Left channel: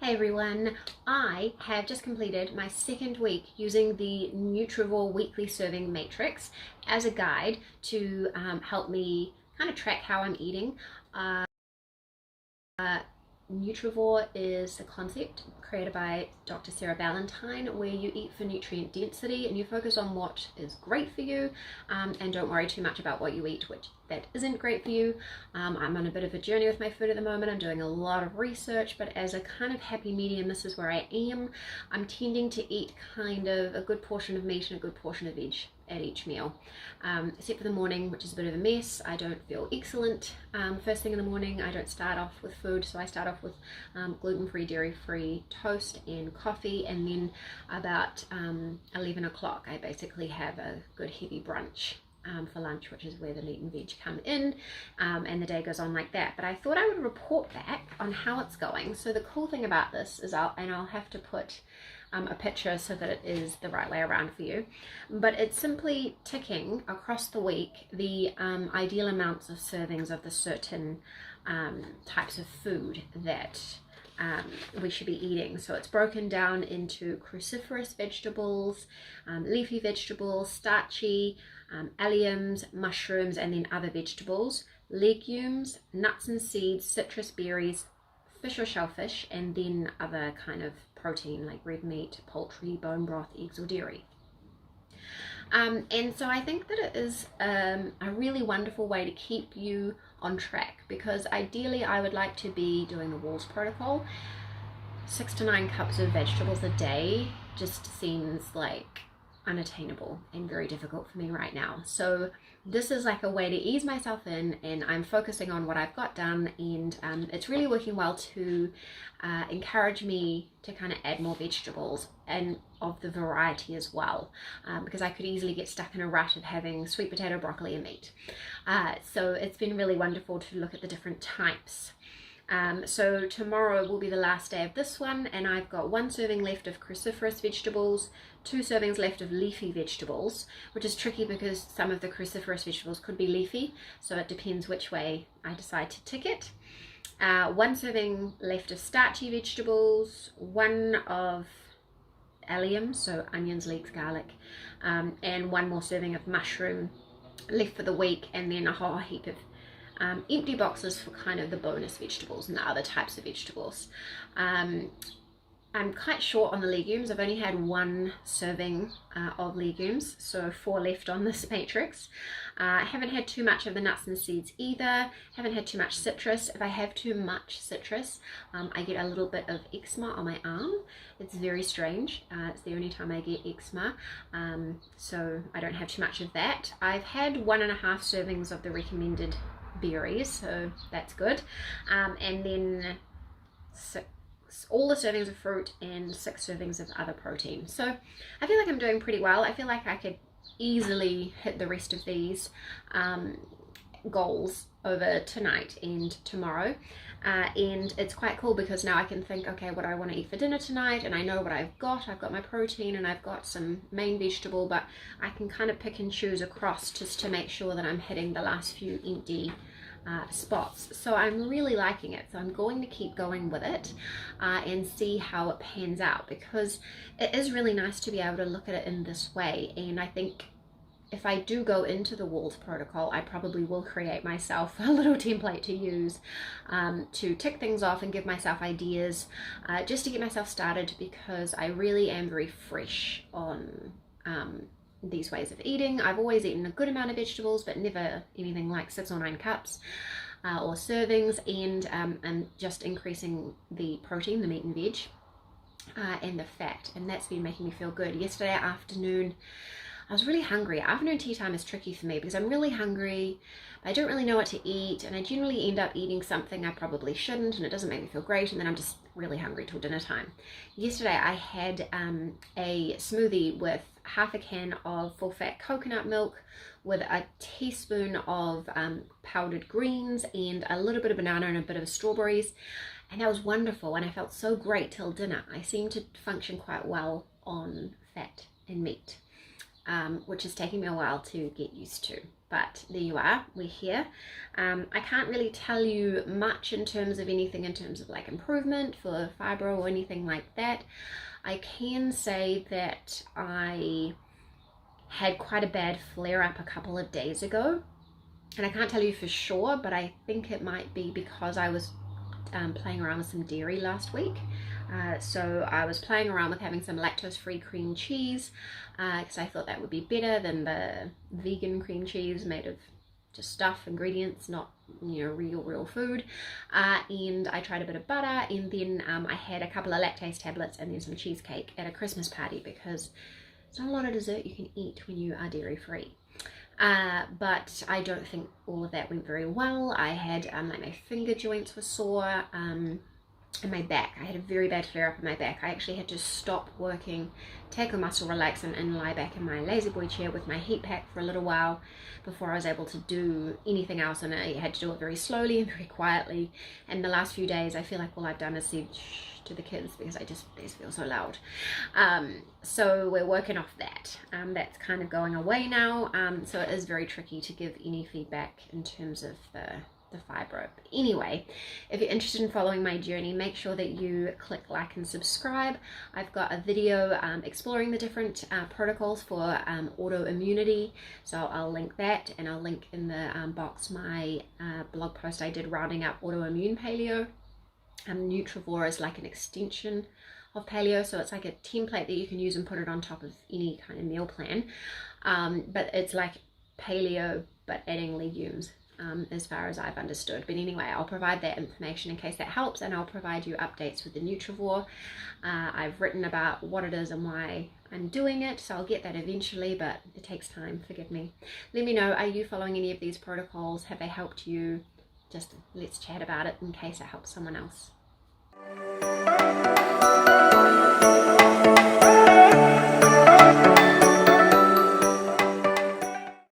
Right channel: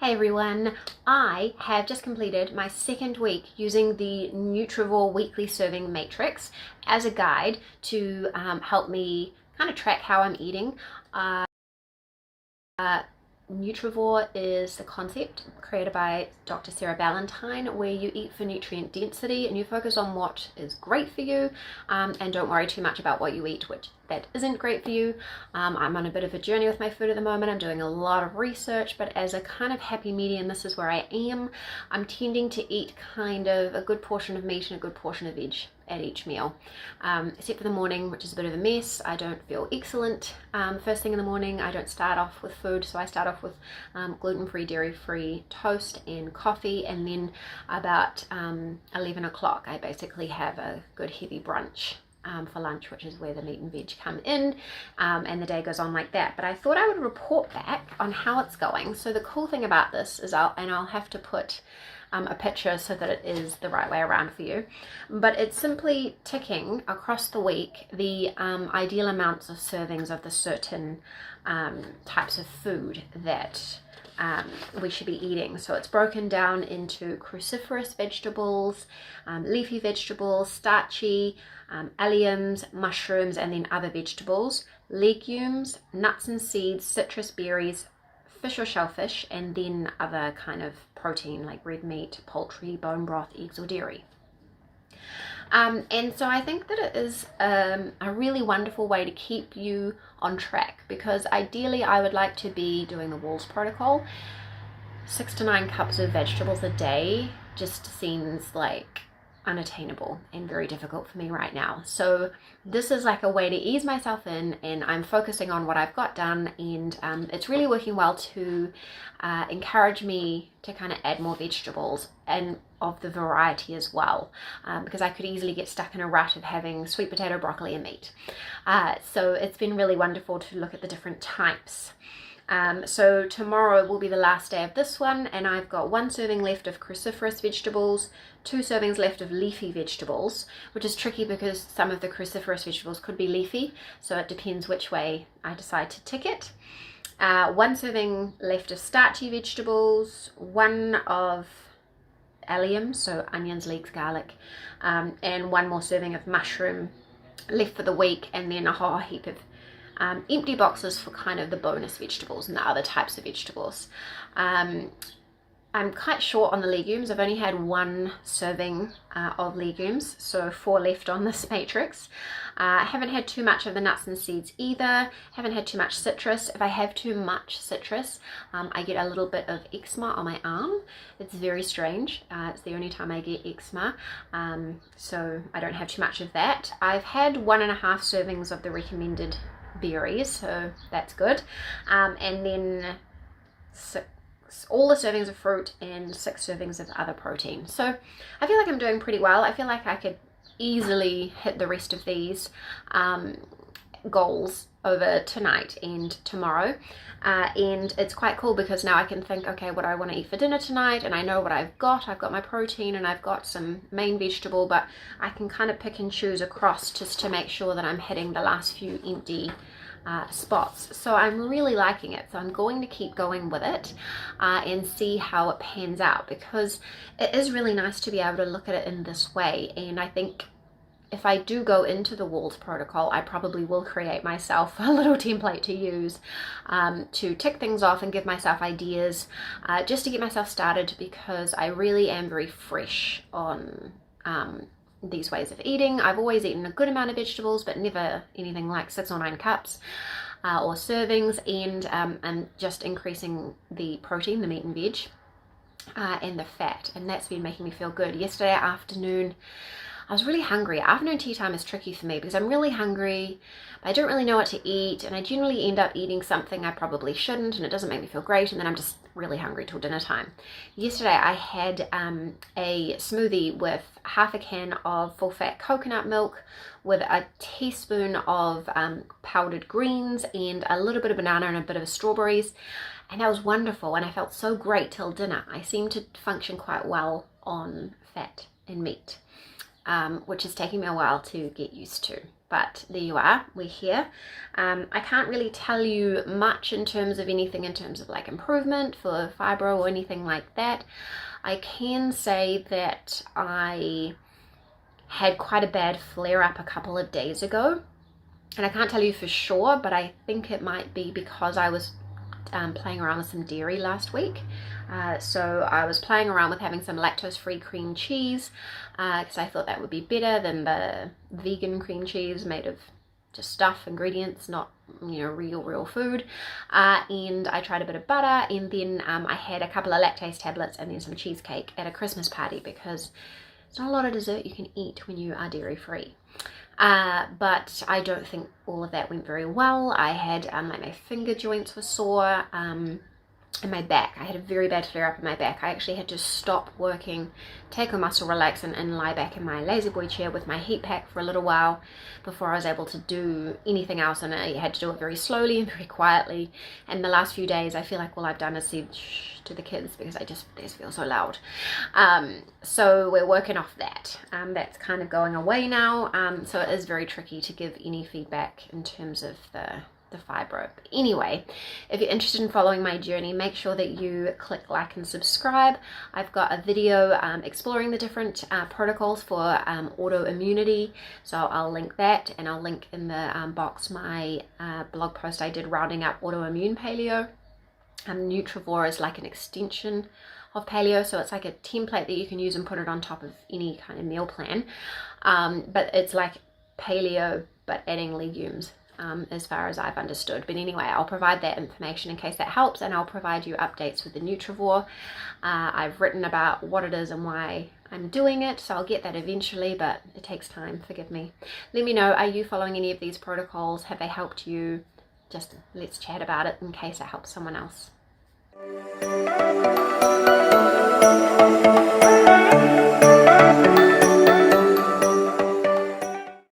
Hey everyone, I have just completed my second week using the Nutrivore weekly serving matrix as a guide to help me kind of track how I'm eating. Uh, Nutrivore is a concept created by Dr. Sarah Ballantyne where you eat for nutrient density and you focus on what is great for you and don't worry too much about what you eat, which that isn't great for you. I'm on a bit of a journey with my food at the moment. I'm doing a lot of research, but as a kind of happy medium, this is where I am. I'm tending to eat kind of a good portion of meat and a good portion of veg at each meal, except for the morning, which is a bit of a mess. I don't feel excellent first thing in the morning. I don't start off with food, so I start off with gluten-free, dairy-free toast and coffee, and then about 11 o'clock I basically have a good heavy brunch for lunch, which is where the meat and veg come in, and the day goes on like that. But I thought I would report back on how it's going. So the cool thing about this is I'll have to put a picture so that it is the right way around for you, but it's simply ticking across the week the ideal amounts of servings of the certain types of food that we should be eating. So it's broken down into cruciferous vegetables, leafy vegetables, starchy, alliums, mushrooms, and then other vegetables, legumes, nuts and seeds, citrus berries, fish or shellfish, and then other kind of protein like red meat, poultry, bone broth, eggs, or dairy. And so I think that it is a really wonderful way to keep you on track, because ideally I would like to be doing the Walls protocol. 6 to 9 cups of vegetables a day just seems like unattainable and very difficult for me right now. So this is like a way to ease myself in, and I'm focusing on what I've got done, and it's really working well to encourage me to kind of add more vegetables and of the variety as well, because I could easily get stuck in a rut of having sweet potato, broccoli, and meat. So it's been really wonderful to look at the different types. So tomorrow will be the last day of this one, and I've got 1 serving left of cruciferous vegetables, 2 servings left of leafy vegetables, which is tricky because some of the cruciferous vegetables could be leafy, so it depends which way I decide to tick it. 1 serving left of starchy vegetables, 1 of alliums, so onions, leeks, garlic, and 1 more serving of mushroom left for the week, and then a whole heap of empty boxes for kind of the bonus vegetables and the other types of vegetables. I'm quite short on the legumes. I've only had 1 serving of legumes, so 4 left on this matrix. I haven't had too much of the nuts and seeds either. Haven't had too much citrus. If I have too much citrus, I get a little bit of eczema on my arm. It's very strange. It's the only time I get eczema, so I don't have too much of that. I've had 1.5 servings of the recommended berries, so that's good, and then all the servings of fruit and 6 servings of other protein. So I feel like I'm doing pretty well. I feel like I could easily hit the rest of these goals over tonight and tomorrow, and it's quite cool because now I can think, okay, what do I want to eat for dinner tonight, and I know what I've got my protein and I've got some main vegetable, but I can kind of pick and choose across just to make sure that I'm hitting the last few empty spots. So I'm really liking it, so I'm going to keep going with it and see how it pans out, because it is really nice to be able to look at it in this way. And I think if I do go into the Walls protocol, I probably will create myself a little template to use to tick things off and give myself ideas just to get myself started, because I really am very fresh on these ways of eating. I've always eaten a good amount of vegetables, but never anything like 6 or 9 cups or servings, and just increasing the protein, the meat and veg, and the fat, and that's been making me feel good. Yesterday afternoon I was really hungry. Afternoon tea time is tricky for me because I'm really hungry, but I don't really know what to eat, and I generally end up eating something I probably shouldn't, and it doesn't make me feel great, and then I'm just really hungry till dinner time. Yesterday I had a smoothie with half a can of full-fat coconut milk with a teaspoon of powdered greens and a little bit of banana and a bit of strawberries, and that was wonderful, and I felt so great till dinner. I seem to function quite well on fat and meat, which is taking me a while to get used to. but there you are, we're here. I can't really tell you much in terms of anything in terms of like improvement for fibro or anything like that. I can say that I had quite a bad flare-up a couple of days ago, and I can't tell you for sure, but I think it might be because I was playing around with some dairy last week. So I was playing around with having some lactose-free cream cheese because I thought that would be better than the vegan cream cheese made of just stuff, ingredients, not, you know, real food. And I tried a bit of butter, and then I had a couple of lactase tablets and then some cheesecake at a Christmas party, because there's not a lot of dessert you can eat when you are dairy-free. But I don't think all of that went very well. I had like my finger joints were sore, and my back. I had a very bad flare up in my back. I actually had to stop working, take a muscle relax, and lie back in my lazy boy chair with my heat pack for a little while before I was able to do anything else, and I had to do it very slowly and very quietly. And the last few days I feel like all I've done is said shh to the kids because they just feel so loud. So we're working off that. That's kind of going away now, so it is very tricky to give any feedback in terms of the fibro. But anyway, if you're interested in following my journey, make sure that you click like and subscribe. I've got a video exploring the different protocols for autoimmunity, so I'll link that, and I'll link in the box my blog post I did rounding up autoimmune paleo. Nutrivore is like an extension of paleo, so it's like a template that you can use and put it on top of any kind of meal plan, but it's like paleo but adding legumes, as far as I've understood. But anyway, I'll provide that information in case that helps, and I'll provide you updates with the Nutrivore. I've written about what it is and why I'm doing it, so I'll get that eventually, but it takes time, forgive me. Let me know, are you following any of these protocols? Have they helped you? Just let's chat about it in case it helps someone else.